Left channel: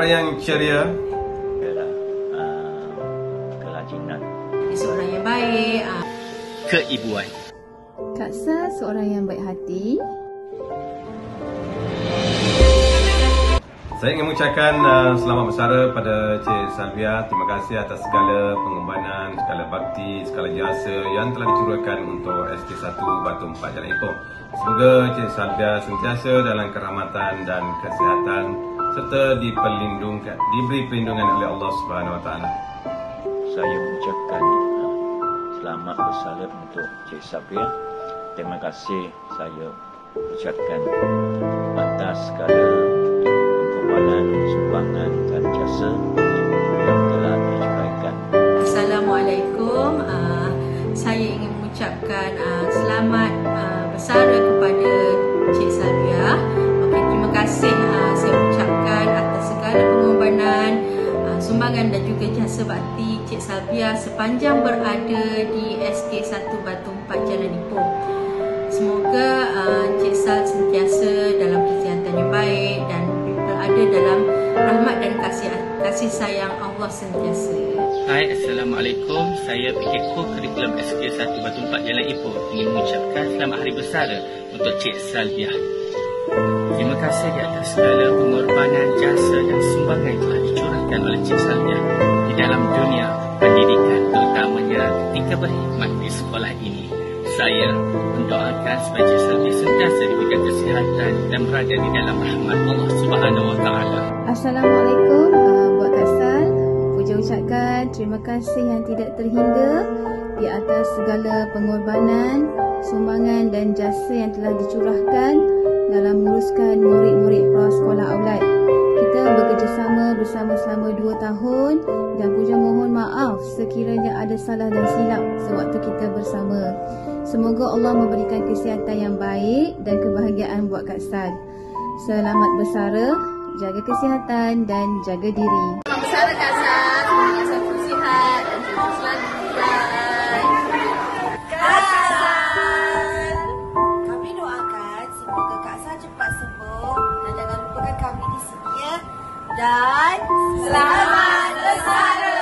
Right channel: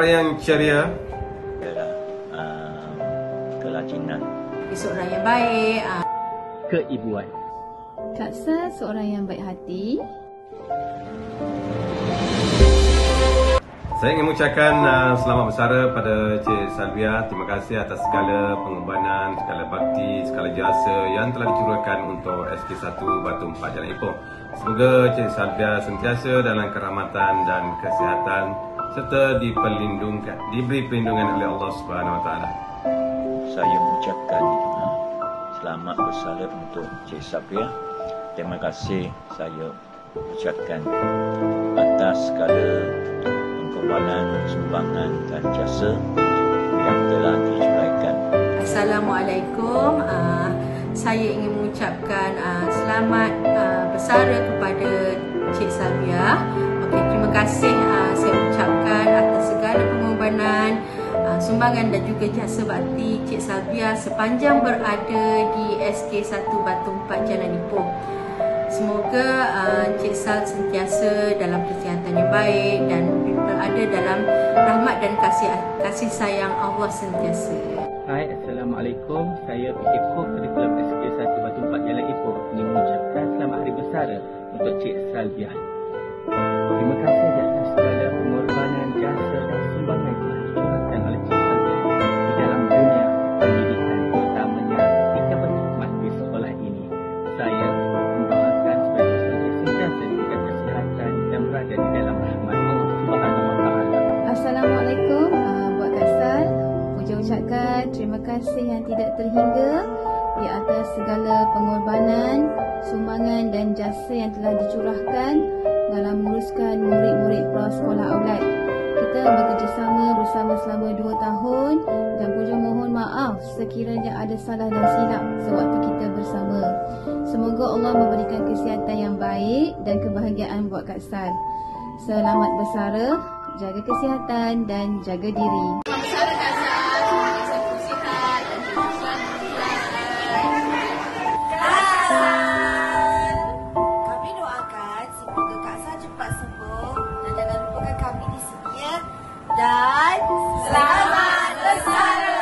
Seorang yang ceria adalah kelajinan. Seorang yang baik. Keibuan. Kak Sal seorang yang baik hati. Saya ingin mengucapkan selamat bersara pada Cik Salvia. Terima kasih atas segala pengorbanan, segala bakti, segala jasa yang telah dicurahkan untuk SK1 Batu 4 Jalan Ipoh. Semoga Cik Salvia sentiasa dalam kerahmatan dan kesihatan serta diberi perlindungan oleh Allah Subhanahu Wa Taala. Saya mengucapkan selamat bersara untuk Cik Salvia. Terima kasih saya ucapkan atas segala pengorbanan, sumbangan dan jasa yang telah dicurahkan. Assalamualaikum. Saya ingin mengucapkan selamat bersara kepada Cik Salvia. Terima kasih saya ucapkan atas segala pengorbanan, sumbangan dan juga jasa bakti Cik Salvia sepanjang berada di SK1 Batu 4 Jalan Ipoh. Semoga Cik Sal sentiasa dalam kesihatan yang baik dan berada dalam rahmat dan kasih sayang Allah sentiasa. Hai, Assalamualaikum. Saya PK Kurikulum SK1 Batu 4 Jalan Ipoh ingin mengucapkan selamat hari bersara untuk Cik Salvia. Terima kasih di atas segala pengorbanan, jasa dan sumbangan yang telah dicurahkan oleh Cik Salvia di dalam dunia pendidikan, terutamanya ketika berkhidmat di sekolah ini. Saya mendoakan supaya Cik Salvia sentiasa diberikan kesihatan dan berada di dalam rahmat Allah Subhanahu Wa Taala. Assalamualaikum buat Kak Sal. Puja ucapkan terima kasih yang tidak terhingga di atas segala pengorbanan, sumbangan dan jasa yang telah dicurahkan dalam menguruskan murid-murid prasekolah Aulad. Kita bekerjasama bersama selama 2 tahun dan puja mohon maaf sekiranya ada salah dan silap sewaktu kita bersama. Semoga Allah memberikan kesihatan yang baik dan kebahagiaan buat Kak Sal. Selamat bersara, jaga kesihatan dan jaga diri. Selamat bersara Kak Sal. Semoga selalu sihat dan selalu Kami doakan semoga Kak Sal cepat sembuh dan jangan lupakan kami di sini ya. Dan selamat bersara.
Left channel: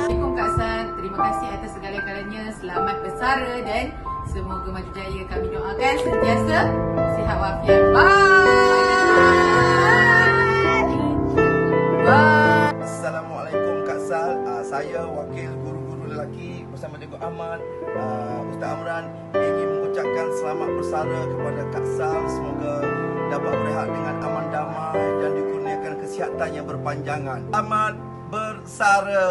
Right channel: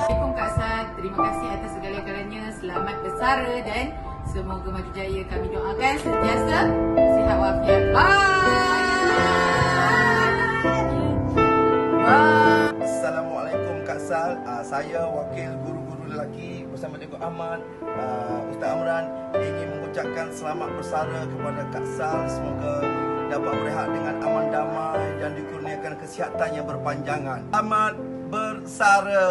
Assalamualaikum Kak Sal. Terima kasih atas segala-galanya. Selamat bersara dan semoga maju jaya. Kami doakan sentiasa sihat walafiat. Bye. Assalamualaikum Kak Sal. Saya wakil guru-guru lelaki bersama Cikgu Ahmad, Ustaz Amran ingin mengucapkan selamat bersara kepada Kak Sal. Semoga dapat berehat dengan aman damai dan dikurniakan kesihatan yang berpanjangan. Selamat bersara.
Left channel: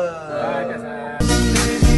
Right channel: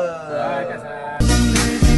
Kak Sal.